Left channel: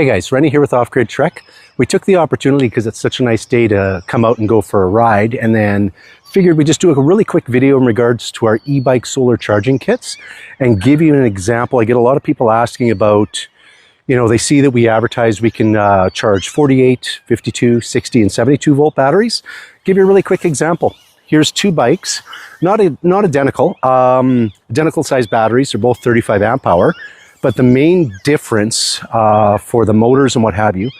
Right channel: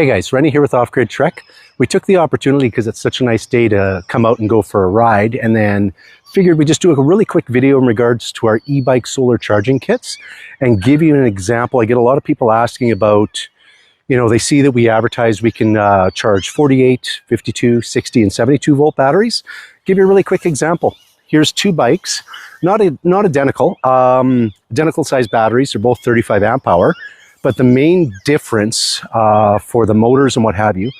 Hey guys, Rennie here with Off Grid Trek. We took the opportunity because it's such a nice day to come out and go for a ride, and then figured we'd just do a really quick video in regards to our e-bike solar charging kits and give you an example. I get a lot of people asking about, they see that we advertise we can charge 48, 52, 60, and 72 volt batteries. Give you a really quick example. Here's two bikes, not identical, identical size batteries. They're both 35 amp hour. But the main difference for the motors and what have you,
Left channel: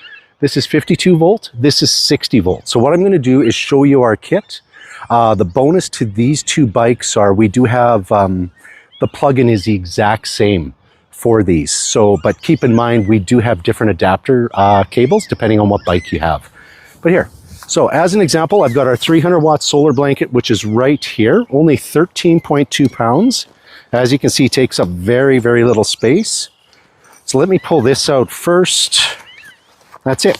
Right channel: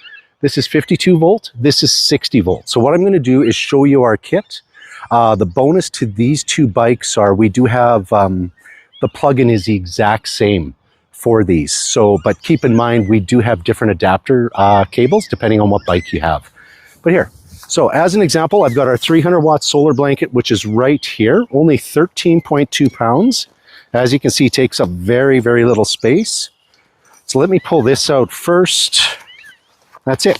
this is 52 volt, this is 60 volt. So what I'm going to do is show you our kit. The bonus to these two bikes are we do have, the plug-in is the exact same for these. So, but keep in mind, we do have different adapter cables depending on what bike you have. But here, so as an example, I've got our 300 watt solar blanket, which is right here, only 13.2 pounds. As you can see, it takes up very, very little space. So let me pull this out first. That's it.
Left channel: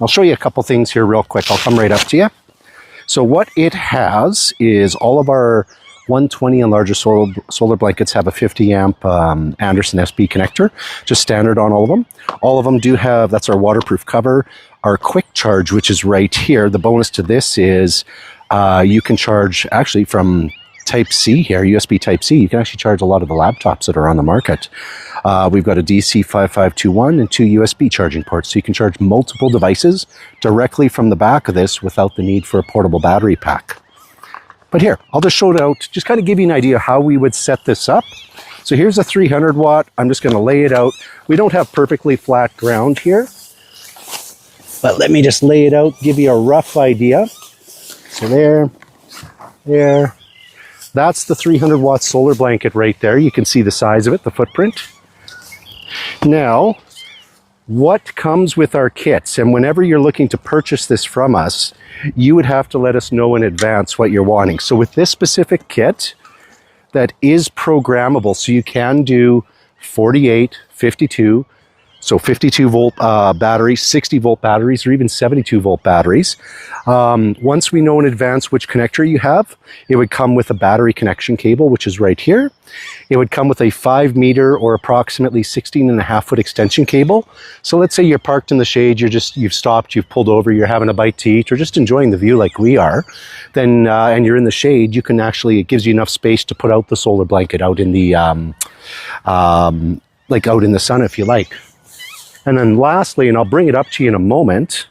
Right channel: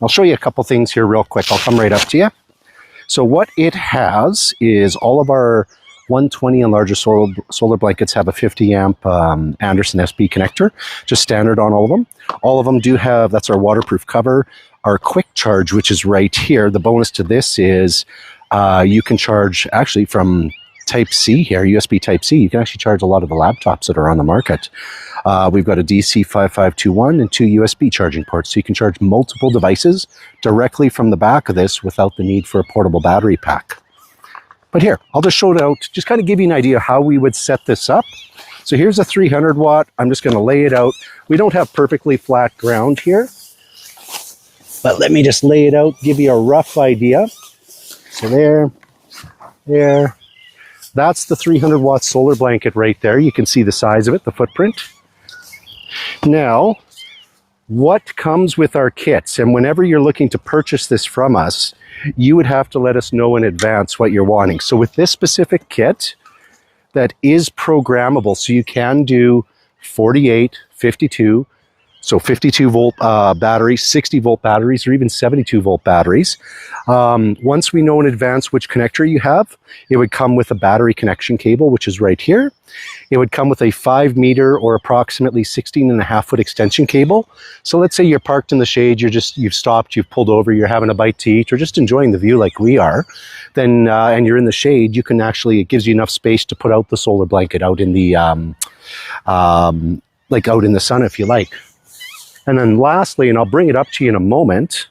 I'll show you a couple things here real quick. I'll come right up to you. So what it has is all of our 120 and larger solar blankets have a 50 amp Anderson SB connector, just standard on all of them. All of them do have, that's our waterproof cover, our quick charge, which is right here. The bonus to this is you can charge actually from Type C here, USB Type C. You can actually charge a lot of the laptops that are on the market. We've got a DC 5521 and two USB charging ports, so you can charge multiple devices directly from the back of this without the need for a portable battery pack. But here, I'll just show it out, just kind of give you an idea how we would set this up. So here's a 300 watt. I'm just going to lay it out. We don't have perfectly flat ground here, but let me just lay it out, give you a rough idea. So there. That's the 300 watt solar blanket right there. You can see the size of it, the footprint. Now, what comes with our kits, and whenever you're looking to purchase this from us, you would have to let us know in advance what you're wanting. So with this specific kit, that is programmable. So you can do 48, 52, so 52 volt batteries, 60 volt batteries, or even 72 volt batteries. Once we know in advance which connector you have, it would come with a battery connection cable, which is right here. It would come with a 5 meter or approximately 16.5 foot extension cable. So let's say you're parked in the shade, you've stopped, you've pulled over, you're having a bite to eat, or just enjoying the view like we are, then and you're in the shade, you can actually, it gives you enough space to put out the solar blanket out in the like out in the sun if you like. And then lastly, and I'll bring it up to you in a moment,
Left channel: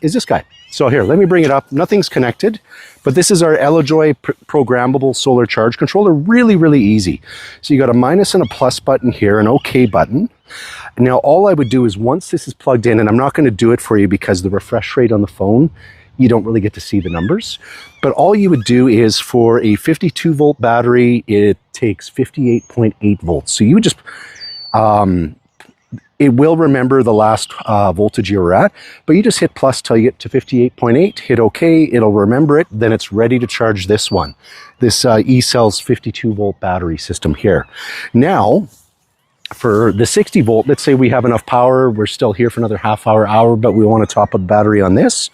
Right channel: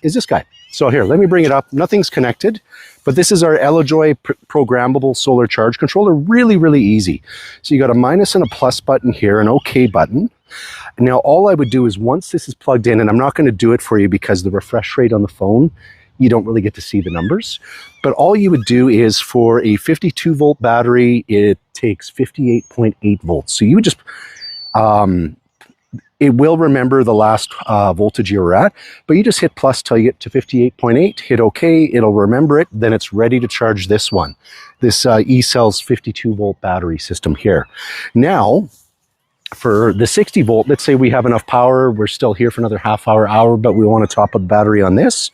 is this guy. So here, let me bring it up. Nothing's connected, but this is our Elojoy programmable solar charge controller. Really, really easy. So you got a minus and a plus button here, an OK button. And now all I would do is once this is plugged in, and I'm not going to do it for you because the refresh rate on the phone, you don't really get to see the numbers. But all you would do is for a 52 volt battery, it takes 58.8 volts. So you would just, it will remember the last voltage you were at, but you just hit plus till you get to 58.8, hit OK, it'll remember it, then it's ready to charge this one, this eCell's 52 volt battery system here. Now, for the 60 volt, let's say we have enough power, we're still here for another half hour, but we want to top up the battery on this.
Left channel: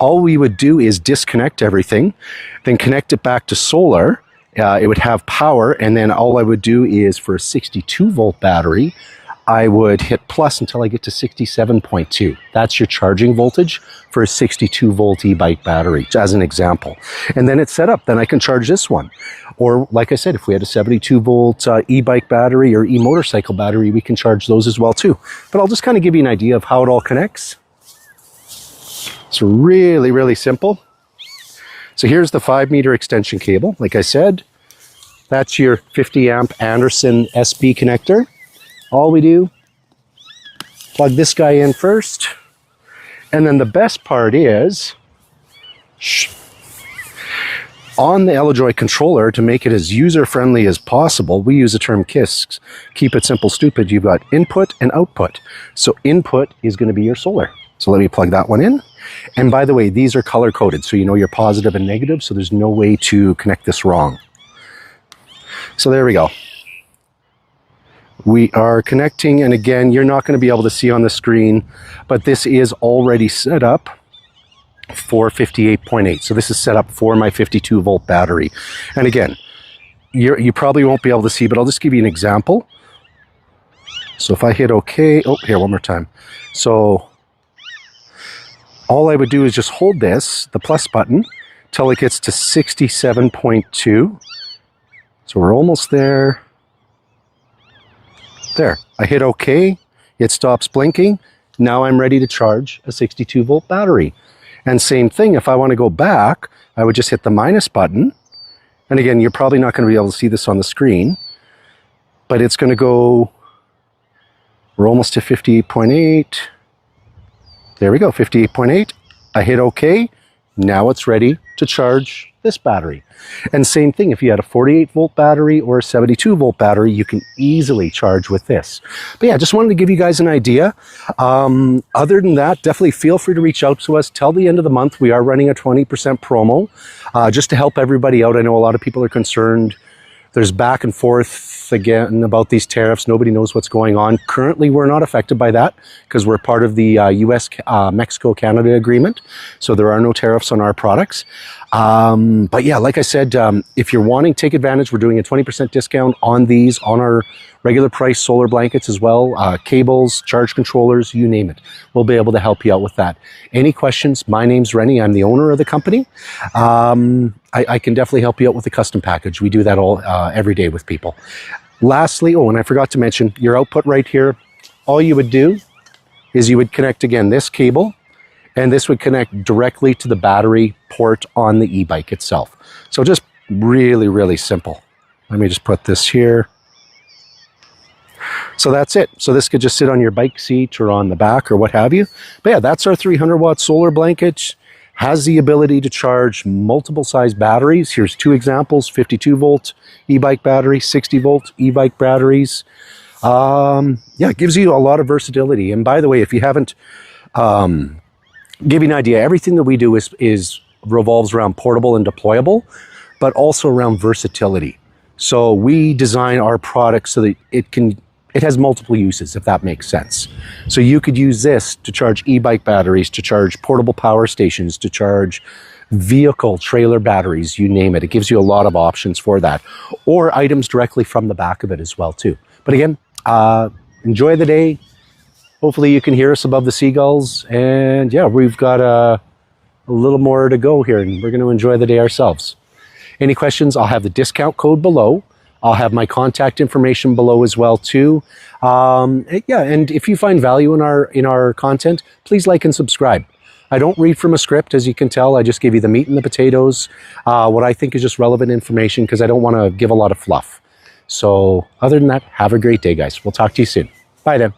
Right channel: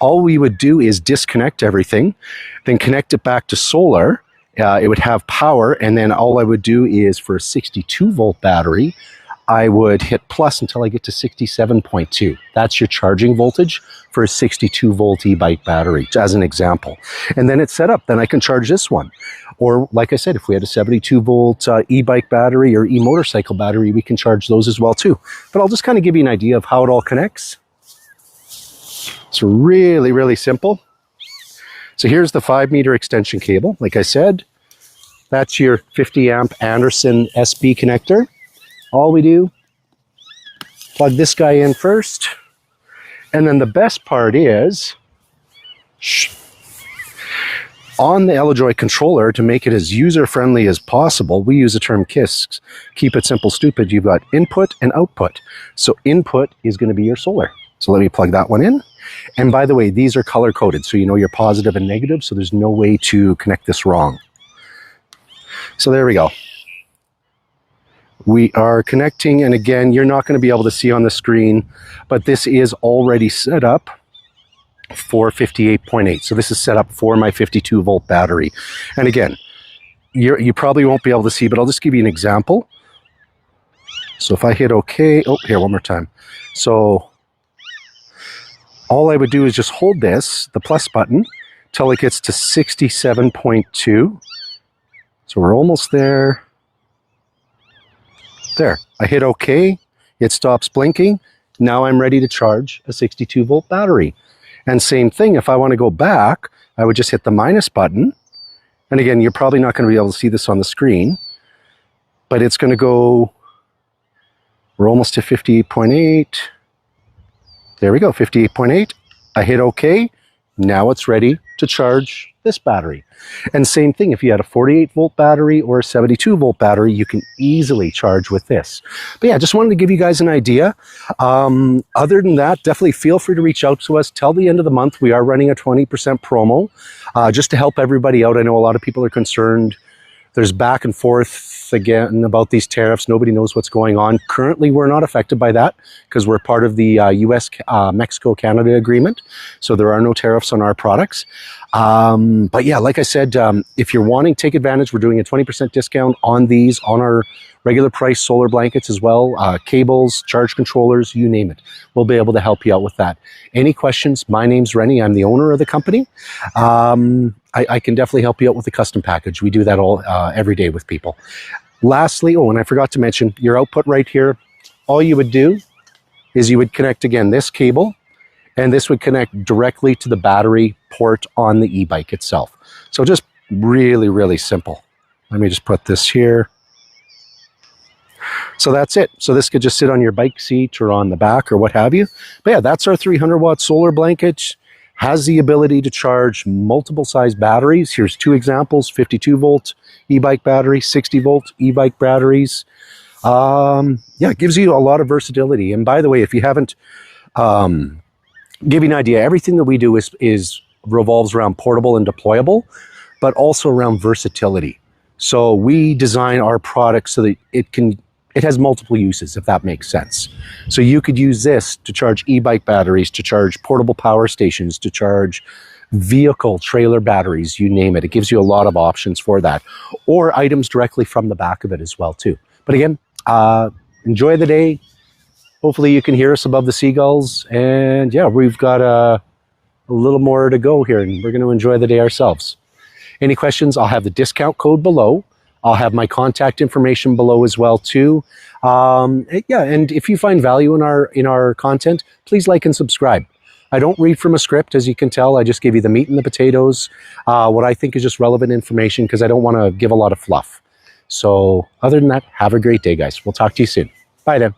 All we would do is disconnect everything, then connect it back to solar. It would have power, and then all I would do is for a 62 volt battery, I would hit plus until I get to 67.2. That's your charging voltage for a 62 volt e-bike battery, as an example. And then it's set up, then I can charge this one. Or like I said, if we had a 72 volt e-bike battery or e-motorcycle battery, we can charge those as well too. But I'll just kind of give you an idea of how it all connects. It's really, really simple. So here's the 5 meter extension cable. Like I said, that's your 50 amp Anderson SB connector. All we do, plug this guy in first, and then the best part is, on the Elojoy controller, to make it as user-friendly as possible, we use the term KISS, keep it simple, stupid. You've got input and output. So input is going to be your solar. So let me plug that one in. And by the way, these are color-coded, so you know your positive and negative, so there's no way to connect this wrong. So there we go. We are connecting, and again, you're not going to be able to see on the screen, but this is already set up for 58.8. So this is set up for my 52 volt battery. And again, you probably won't be able to see, but I'll just give you an example. So if I hit OK, oh, here, one more time. So all I would do is just hold this, the plus button, till it gets to 67.2. So we're almost there. There, I hit OK, it stops blinking. Now I'm ready to charge a 62 volt battery. And same thing, if I want to go back, I would just hit the minus button. And again, you're probably not going to be able to see this on the screen, but it's going to go, we're almost to 58.8. There we go, 58.8. I hit OK. Now it's ready to charge this battery. And same thing, if you had a 48 volt battery or a 72 volt battery, you can easily charge with this. But yeah, just wanted to give you guys an idea. Other than that, definitely feel free to reach out to us. Till the end of the month, we are running a 20% promo just to help everybody out. I know a lot of people are concerned. There's back and forth again about these tariffs. Nobody knows what's going on. Currently, we're not affected by that because we're part of the US, Mexico, Canada agreement. So there are no tariffs on our products. But yeah, like I said, if you're wanting to take advantage, we're doing a 20% discount on these, on our regular price solar blankets as well, cables, charge controllers, you name it. We'll be able to help you out with that. Any questions? My name's Rene. I'm the owner of the company. I can definitely help you out with the custom package. We do that all every day with people. Lastly, oh, and I forgot to mention, your output right here, all you would do is you would connect, again, this cable, and this would connect directly to the battery port on the e-bike itself. So just really, really simple. Let me just put this here. So that's it. So this could just sit on your bike seat or on the back or what have you. But yeah, that's our 300 watt solar blanket. Has the ability to charge multiple size batteries. Here's two examples, 52 volt e-bike battery, 60 volt e-bike batteries. Yeah, it gives you a lot of versatility. And by the way, if you haven't, give you an idea, everything that we do is revolves around portable and deployable, but also around versatility. So we design our product so that it has multiple uses, if that makes sense. So you could use this to charge e-bike batteries, to charge portable power stations, to charge vehicle trailer batteries, you name it. It gives you a lot of options for that, or items directly from the back of it as well too. But again, enjoy the day. Hopefully you can hear us above the seagulls. And yeah, we've got a little more to go here, and we're going to enjoy the day ourselves. Any questions? I'll have the discount code below. I'll have my contact information below as well too. Yeah, and if you find value in our content, please like and subscribe. I don't read from a script, as you can tell. I just give you the meat and the potatoes, what I think is just relevant information, because I don't want to give a lot of fluff. So other than that, have a great day, guys. We'll talk to you soon. Bye then.